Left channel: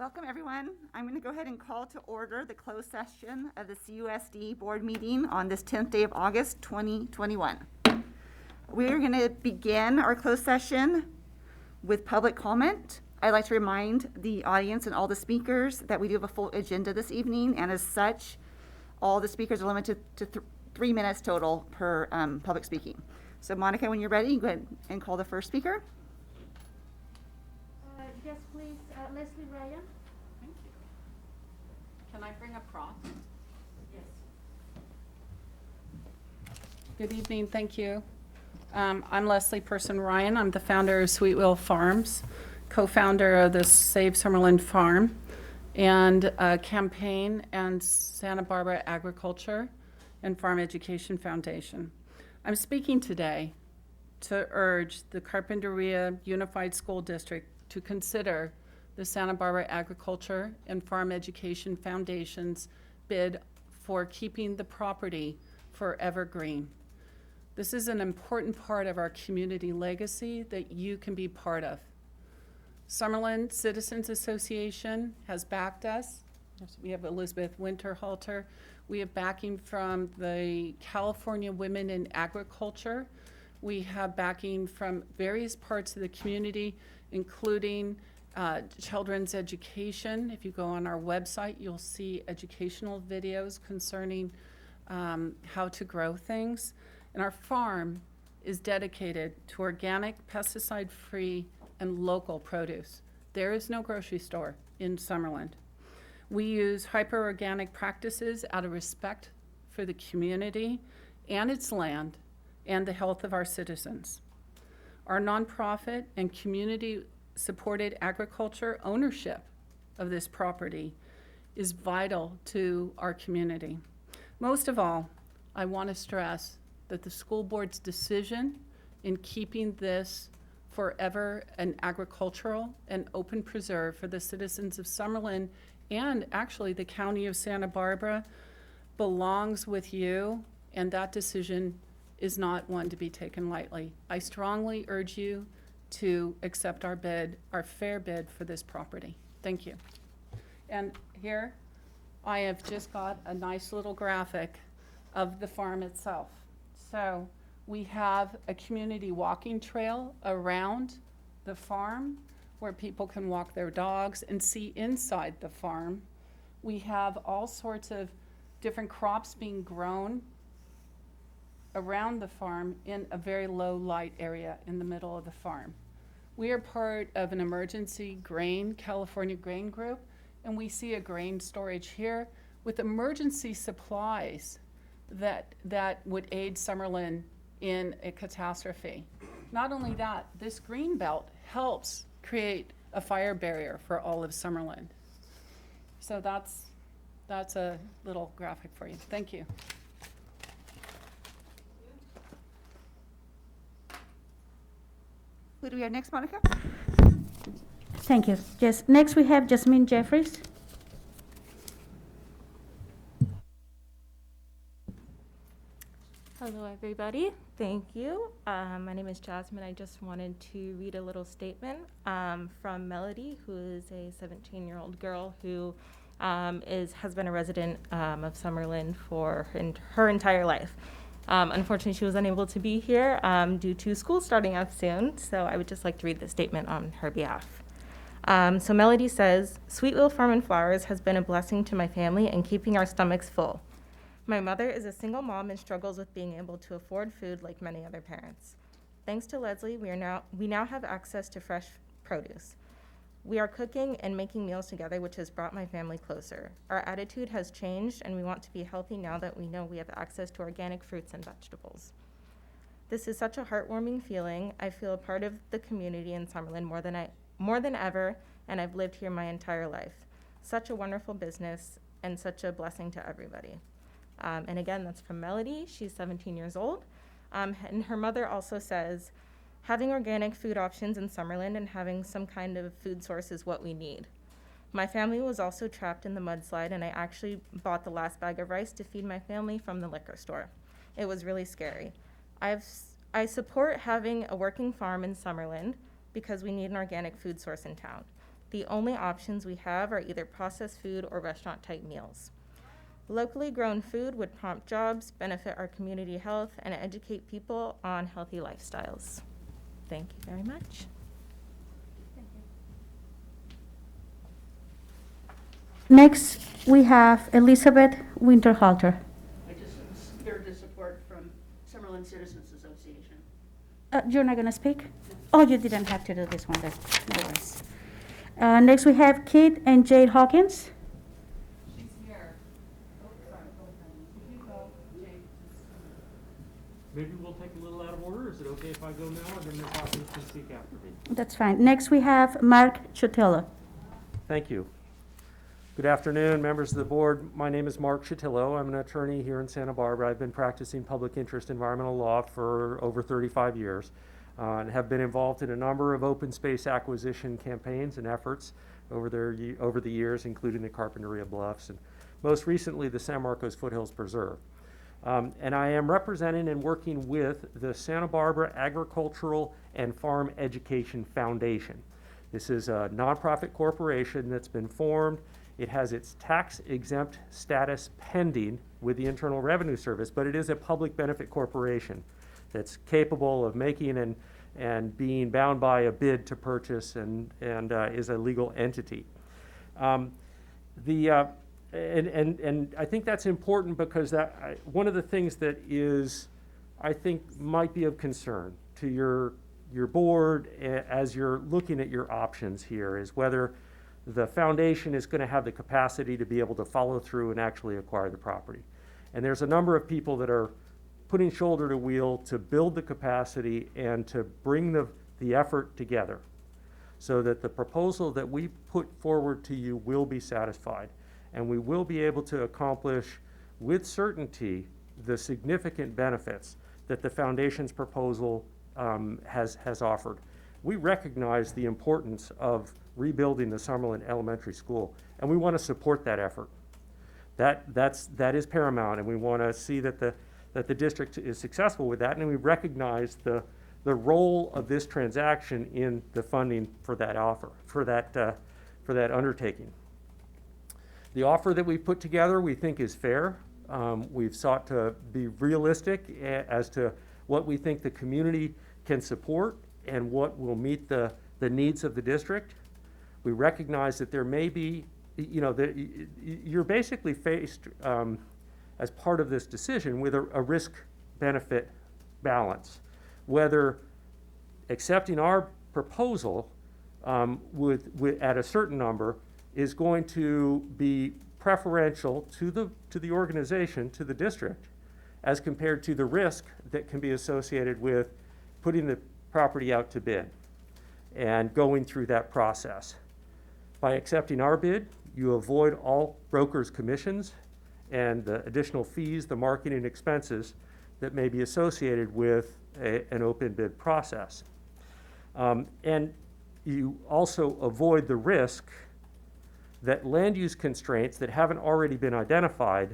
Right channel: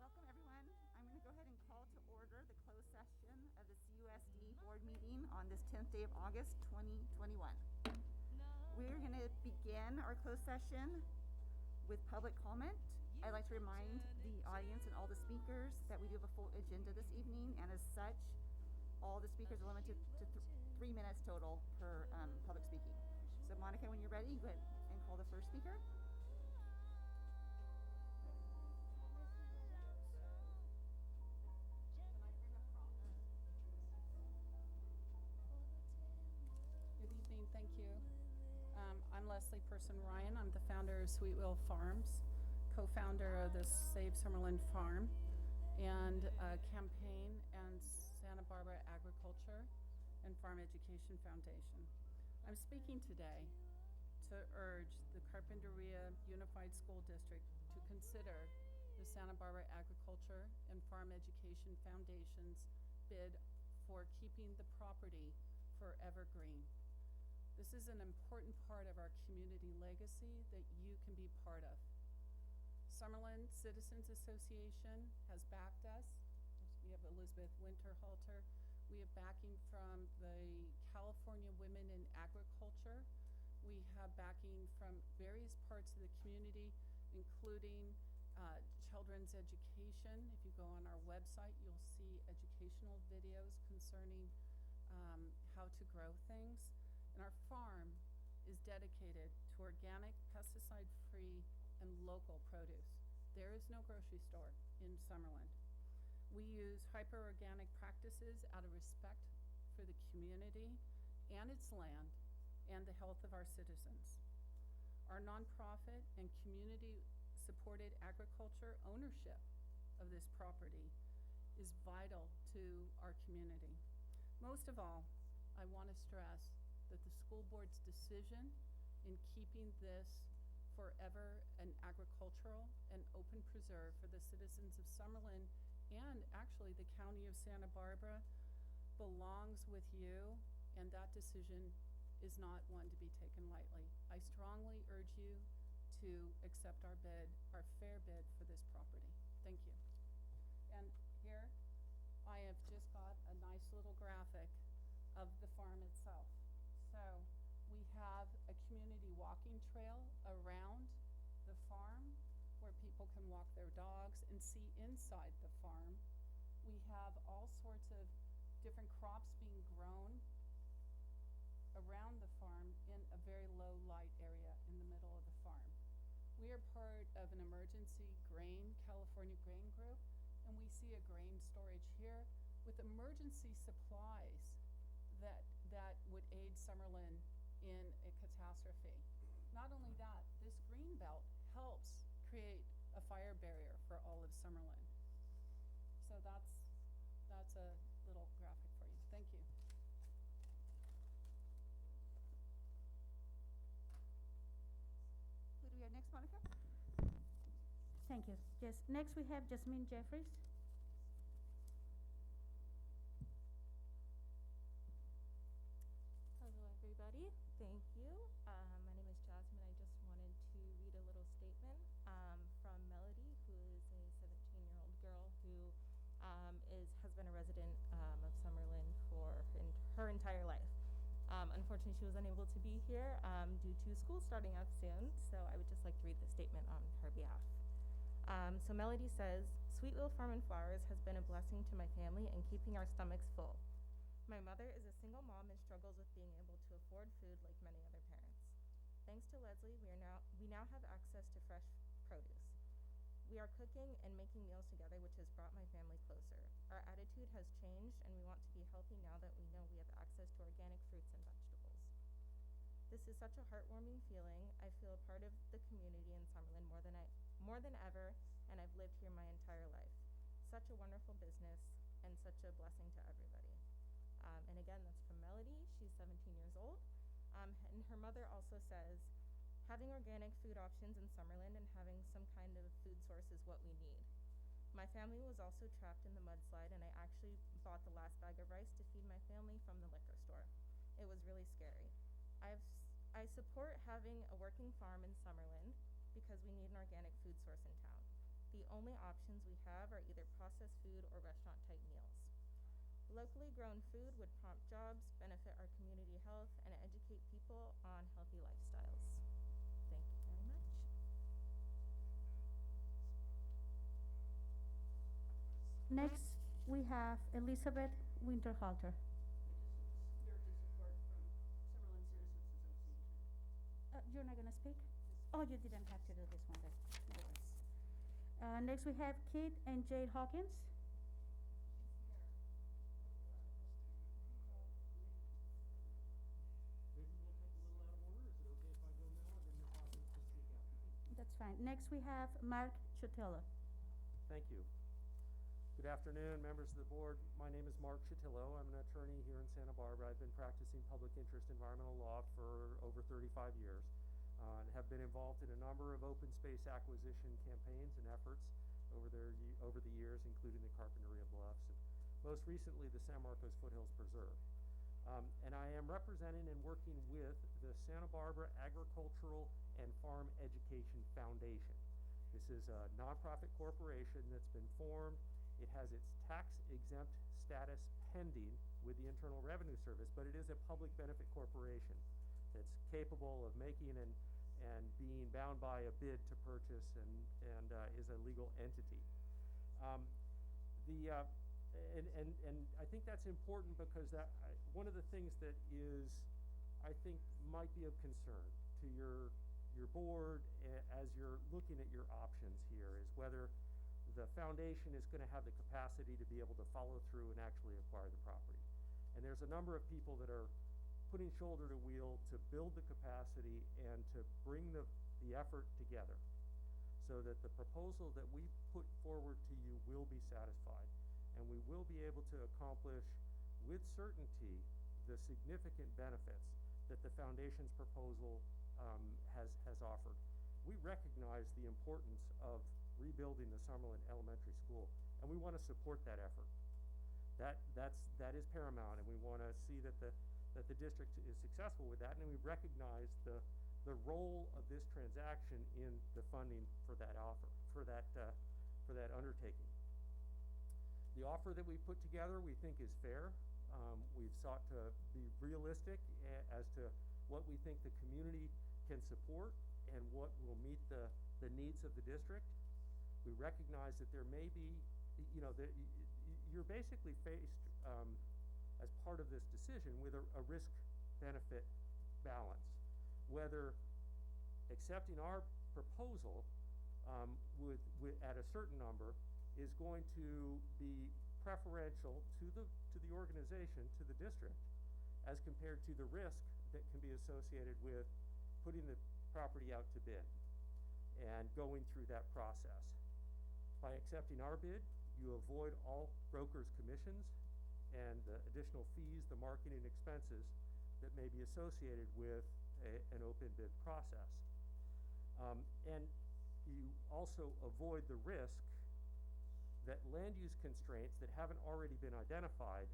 Welcome, everyone. I'm going to go ahead and call to order the closed session of the CUSD board meeting on this 10th day of August 2021. We're going to begin our closed session with public comment. I'd like to remind the audience and all the speakers that we do have a full agenda this evening, and as such, all the speakers are limited to 3 minutes total per public speaking. So Monica, when you're ready, go ahead and call the first speaker. Yes, please, Leslie Ryan. Thank you. Can I bring a prop? Yes. Good evening, thank you. I'm Leslie Person Ryan. I'm the founder of Sweetwell Farms, co-founder of the Save Summerlin Farm, and campaign and Santa Barbara Agriculture and Farm Education Foundation. I'm speaking today to urge the Carpinteria Unified School District to consider the Santa Barbara Agriculture and Farm Education Foundation's bid for keeping the property forever green. This is an important part of our community legacy that you can be part of. Summerlin Citizens Association has backed us. We have Elizabeth Winterhalter. We have backing from the California Women in Agriculture. We have backing from various parts of the community, including children's education. If you go on our website, you'll see educational videos concerning how to grow things. And our farm is dedicated to organic, pesticide-free, and local produce. There is no grocery store in Summerlin. We use hyper-organic practices out of respect for the community and its land and the health of our citizens. Our nonprofit and community-supported agriculture ownership of this property is vital to our community. Most of all, I want to stress that the school board's decision in keeping this forever an agricultural and open preserve for the citizens of Summerlin and actually the county of Santa Barbara belongs with you, and that decision is not one to be taken lightly. I strongly urge you to accept our bid, our fair bid for this property. Thank you. And here I have just got a nice little graphic of the farm itself. So we have a community walking trail around the farm where people can walk their dogs and see inside the farm. We have all sorts of different crops being grown around the farm in a very low light area in the middle of the farm. We are part of an emergency grain, California grain group, and we see a grain storage here with emergency supplies that would aid Summerlin in a catastrophe. Not only that, this green belt helps create a fire barrier for all of Summerlin. So that's a little graphic for you. Thank you. Who do we have next, Monica? Thank you. Yes, next we have Jasmine Jeffries. Hello, everybody. Thank you. My name is Jasmine. I just wanted to read a little statement from Melody, who is a 17-year-old girl who has been a resident of Summerlin for her entire life. Unfortunately, she was unable to be here due to school starting up soon, so I would just like to read the statement on her behalf. So Melody says, "Sweetwell Farm and Flowers has been a blessing to my family and keeping our stomachs full. My mother is a single mom and struggles with being able to afford food like many other parents. Thanks to Leslie, we now have access to fresh produce. We are cooking and making meals together, which has brought my family closer. Our attitude has changed, and we want to be healthy now that we know we have access to organic fruits and vegetables. This is such a heartwarming feeling. I feel a part of the community in Summerlin more than ever, and I've lived here my entire life. Such a wonderful business and such a blessing to everybody." And again, that's from Melody. She's 17 years old. And her mother also says, "Having organic food options in Summerlin and having some kind of food source is what we need. My family was also trapped in the mudslide, and I actually bought the last bag of rice to feed my family from the liquor store. It was really scary. I support having a working farm in Summerlin because we need an organic food source in town. The only options we have are either processed food or restaurant-type meals. Locally grown food would prompt jobs, benefit our community health, and educate people on healthy lifestyles. Thank you very much. Next, we have Elizabeth Winterhalter. I just am here to support from Summerlin Citizens Association. You're not gonna speak? Oh, you didn't have to do this one then, no worries. Next, we have Kit and Jade Hawkins. Maybe we'll take a little out of order. Is it okay if I go now, and then Ms. Hawkins can speak after me? That's fine. Next, we have Mark Chotello. Thank you. Good afternoon, members of the board. My name is Mark Chotillo. I'm an attorney here in Santa Barbara. I've been practicing public interest environmental law for over 35 years and have been involved in a number of open space acquisition campaigns and efforts over the years, including the Carpinteria Bluffs and most recently the San Marcos Foothills Preserve. And I am representing and working with the Santa Barbara Agricultural and Farm Education Foundation. This is a nonprofit corporation that's been formed. It has its tax-exempt status pending with the Internal Revenue Service, but it is a public benefit corporation that's capable of making and being bound by a bid to purchase and is a legal entity. And I think that's important because one of the things that is, I think, might be of concern to your board as you're looking at your options here is whether the foundation is going to have the capacity to be able to follow through and actually acquire the property. And there's a number of people that are putting shoulder to wheel to build the capacity and to bring the effort together so that the proposal that we put forward to you will be satisfied. And we will be able to accomplish with certainty the significant benefits that the foundation's proposal has offered. We recognize the importance of rebuilding the Summerlin Elementary School, and we want to support that effort. That is paramount, and we want to see that the district is successful with that, and we recognize the role of this transaction in the funding for that offer, for that undertaking. The offer that we've put together we think is fair. We've sought to be realistic as to what we think the community can support and what will meet the needs of the district. We recognize that there may be, you're basically faced as part of this decision with a risk-benefit balance. Whether accepting our proposal at a certain number is going to be preferential to the organization, to the district, as compared to the risk that can be associated with putting the property out to bid and going through that process. By accepting our bid, you avoid all brokers' commissions and the additional fees, the marketing expenses that may be associated with an open bid process. And you also avoid the risk that land use constraints that haven't already been identified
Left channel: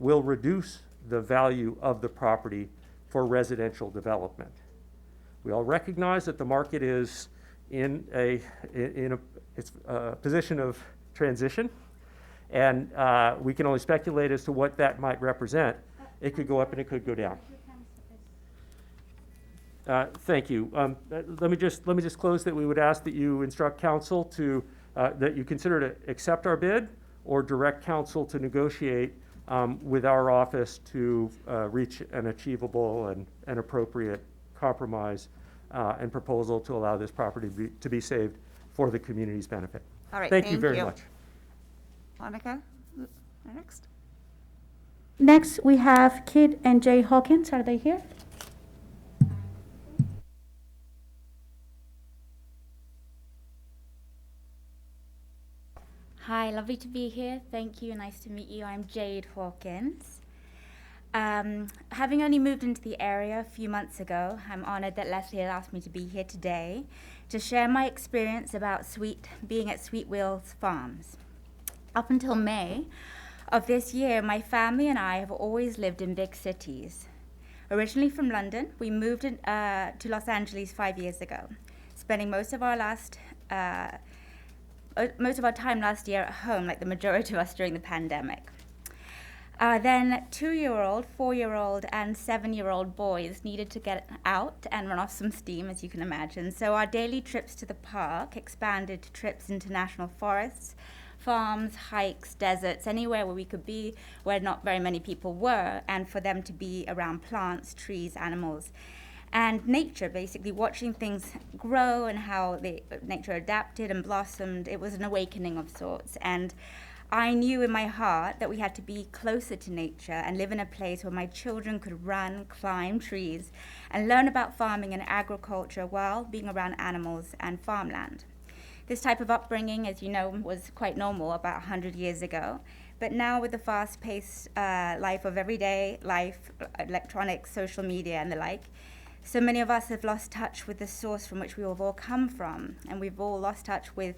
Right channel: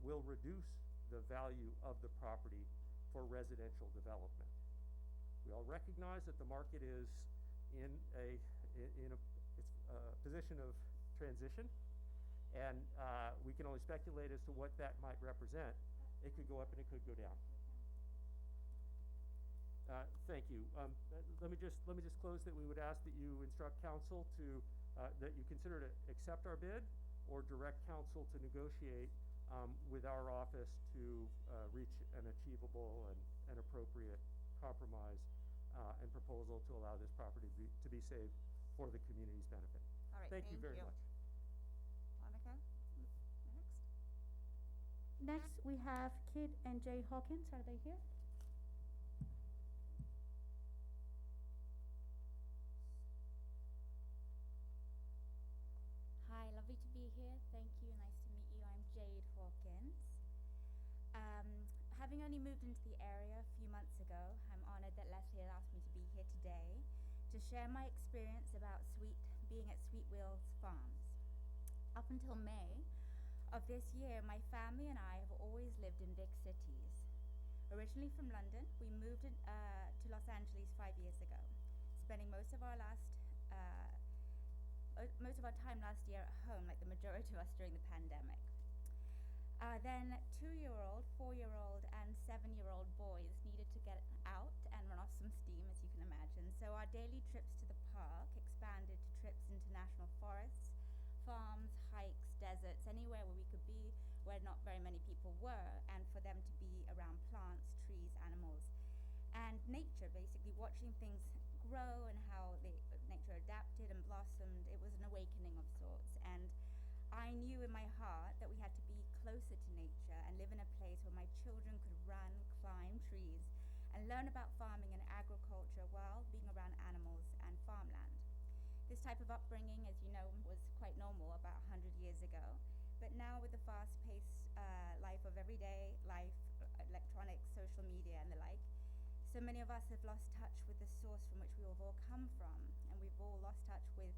will reduce the value of the property for residential development. We all recognize that the market is in a position of transition, and we can only speculate as to what that might represent. It could go up and it could go down. Thank you. Let me just close that we would ask that you instruct council to that you consider to accept our bid or direct council to negotiate with our office to reach an achievable and an appropriate compromise and proposal to allow this property to be saved for the community's benefit. All right, Thank you very much. Monica, next. Next, we have Kit and Jay Hawkins. Are they here? Hi, lovely to be here. Thank you. Nice to meet you. I'm Jade Hawkins. Having only moved into the area a few months ago, I'm honored that Leslie had asked me to be here today to share my experience about being at Sweet Wheels Farms. Up until May of this year, my family and I have always lived in big cities. Originally from London, we moved to Los Angeles 5 years ago, spending most of our last most of our time last year at home, like the majority of us during the pandemic. Then 2-year-old, 4-year-old, and 7-year-old boys needed to get out and run off some steam, as you can imagine. So our daily trips to the park expanded to trips into national forests, farms, hikes, deserts, anywhere where we could be, where not very many people were, and for them to be around plants, trees, animals, and nature, basically watching things grow and how nature adapted and blossomed. It was an awakening of sorts. And I knew in my heart that we had to be closer to nature and live in a place where my children could run, climb trees, and learn about farming and agriculture while being around animals and farmland. This type of upbringing, as you know, was quite normal about 100 years ago. But now with the fast-paced life of everyday life, electronics, social media, and the like, so many of us have lost touch with the source from which we have all come from. And we've all lost touch with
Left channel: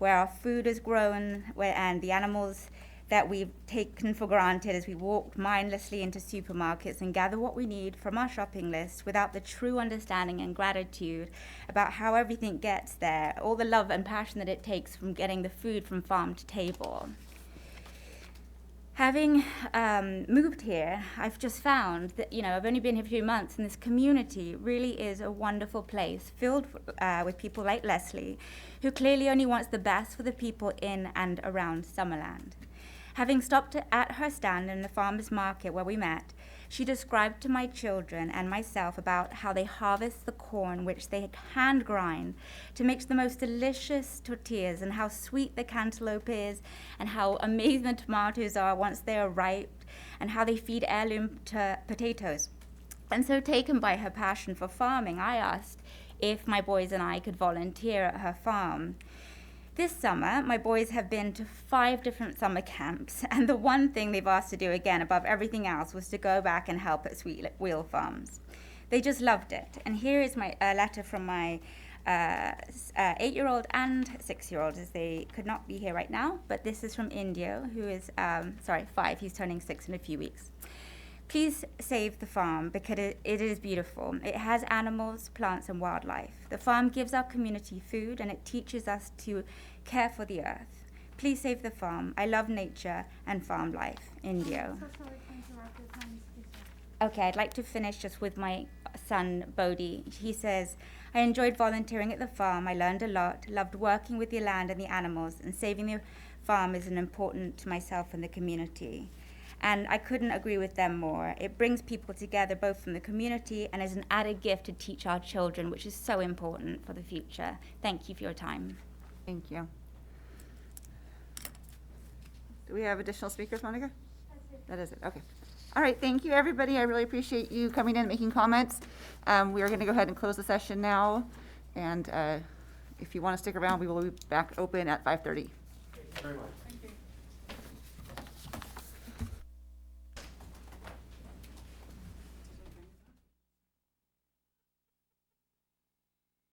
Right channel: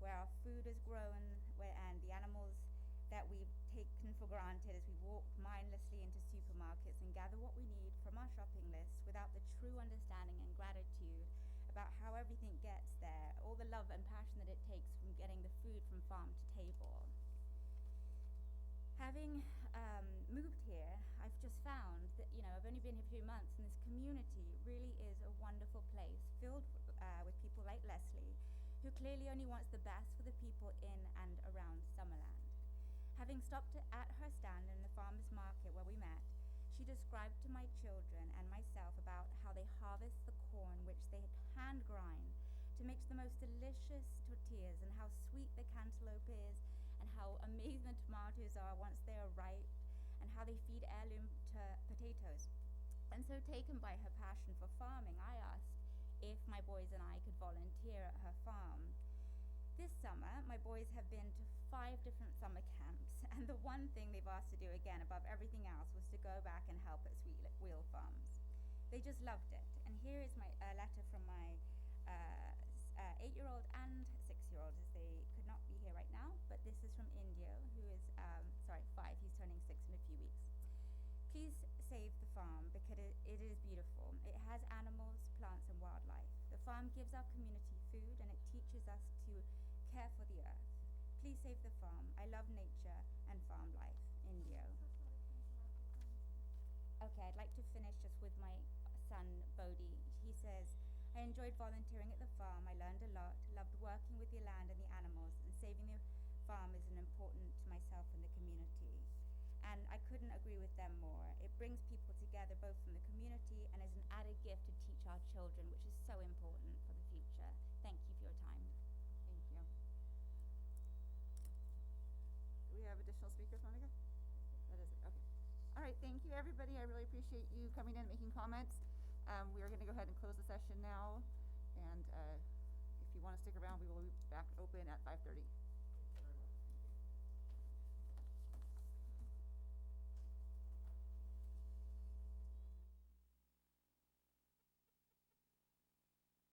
where our food is grown, and the animals that we've taken for granted as we walk mindlessly into supermarkets and gather what we need from our shopping list without the true understanding and gratitude about how everything gets there, all the love and passion that it takes from getting the food from farm to table. Having moved here, I've just found that, I've only been here a few months, and this community really is a wonderful place filled with people like Leslie, who clearly only wants the best for the people in and around Summerland. Having stopped at her stand in the farmer's market where we met, she described to my children and myself about how they harvest the corn, which they hand grind to make the most delicious tortillas, and how sweet the cantaloupe is, and how amazing the tomatoes are once they are ripe, and how they feed heirloom potatoes. And so, taken by her passion for farming, I asked if my boys and I could volunteer at her farm. This summer, my boys have been to 5 different summer camps, and the one thing they've asked to do again above everything else was to go back and help at Sweet Wheel Farms. They just loved it. And here is my letter from my 8-year-old and 6-year-old, as they could not be here right now, but this is from Indio, who is, 5, he's turning 6 in a few weeks. Please save the farm because it is beautiful. It has animals, plants, and wildlife. The farm gives our community food, and it teaches us to care for the earth. Please save the farm. I love nature and farm life. Indio. Okay, I'd like to finish just with my son, Bodhi. He says, I enjoyed volunteering at the farm. I learned a lot, loved working with the land and the animals, and saving the farm is important to myself and the community. And I couldn't agree with them more. It brings people together both from the community and is an added gift to teach our children, which is so important for the future. Thank you for your time. Thank you. Do we have additional speakers, Monica? That is it, okay. All right, thank you, everybody. I really appreciate you coming in and making comments. We are going to go ahead and close the session now. And if you want to stick around, we will be back open at 5:30. Thank you very much.